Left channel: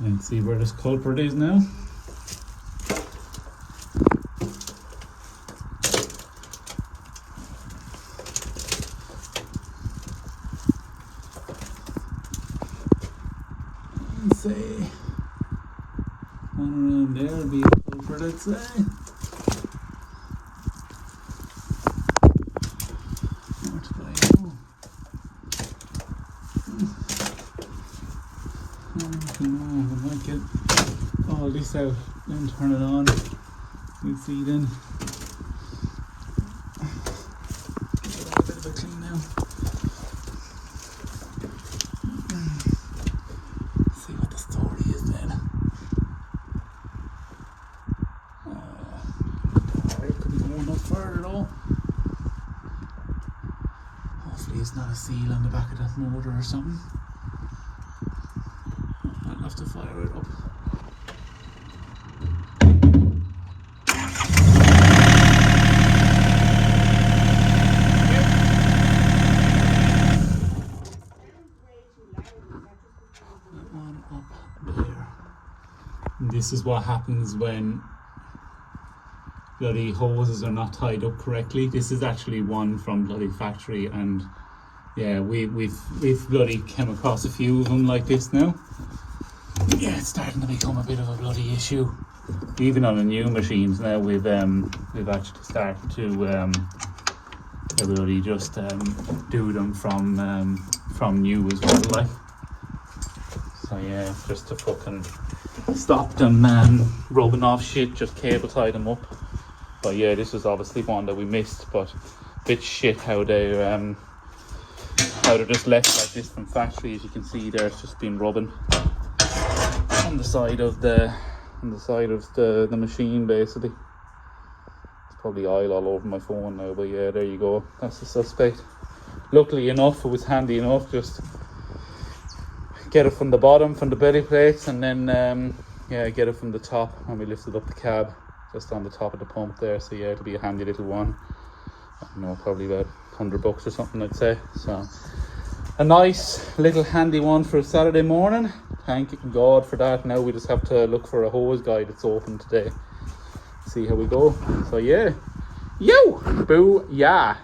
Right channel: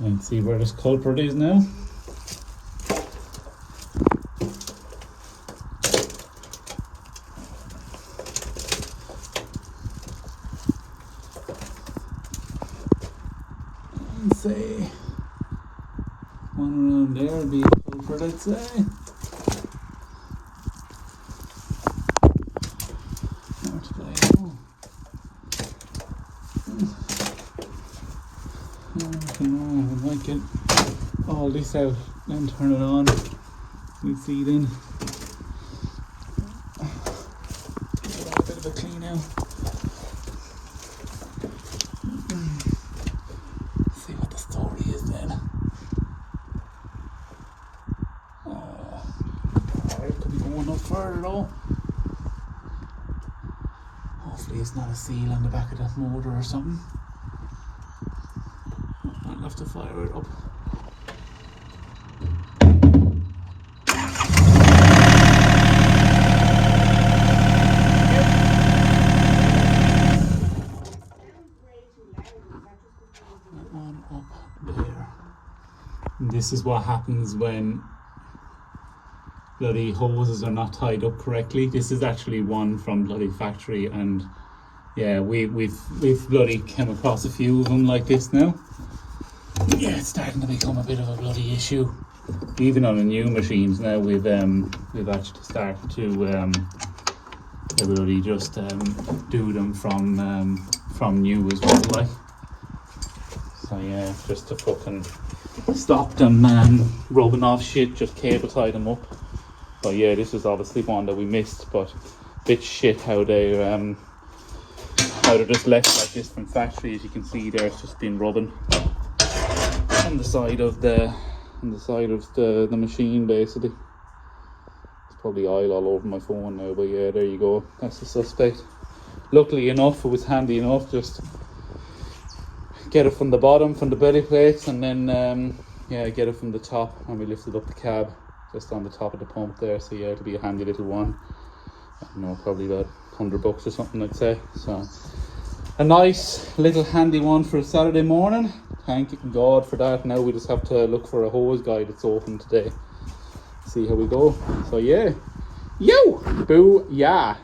And see where this culprit is now. And say one around there will be a culprit, I'd say. Where to go? I might get all this out and turn it on. You'll see then. Give it a bit of a clean out. See what the story is then. Oh, it could be going no further though. Hopefully it's not a seal on the back of that motor or something. I'll have to fire it up. That one up there. And this is what happens when bloody hoses are not tied up correctly. This is actually one from bloody factory, and yeah, we've bloody come across a few of them like this now. Yeah, it's starting to become a bit of a bloody issue. Even on the new machines now, we've actually started to bloody just do them from new as well, like. So yeah, just to fucking stop them rubbing off shit, just cable tie them up. But yeah, this is obviously one that we missed, but a bit shit how they're just left like this from factory. As you can see there, it's just been rubbing on the side of the machine basically. It's probably oil all over my phone now, but yeah, there you go. That's the suspect. Luckily enough, it was handy enough, just get it from the bottom, from the belly plates, and then yeah, get it from the top, and we lifted up the cab just on the top of the pump there. So yeah, it'll be a handy little one. I don't know, probably about $100 or something, I'd say. So a nice little handy one for a Saturday morning. Thank God for that. Now we just have to look for a hose guy that's open today. See how we go. So yeah, yo, boo, yeah.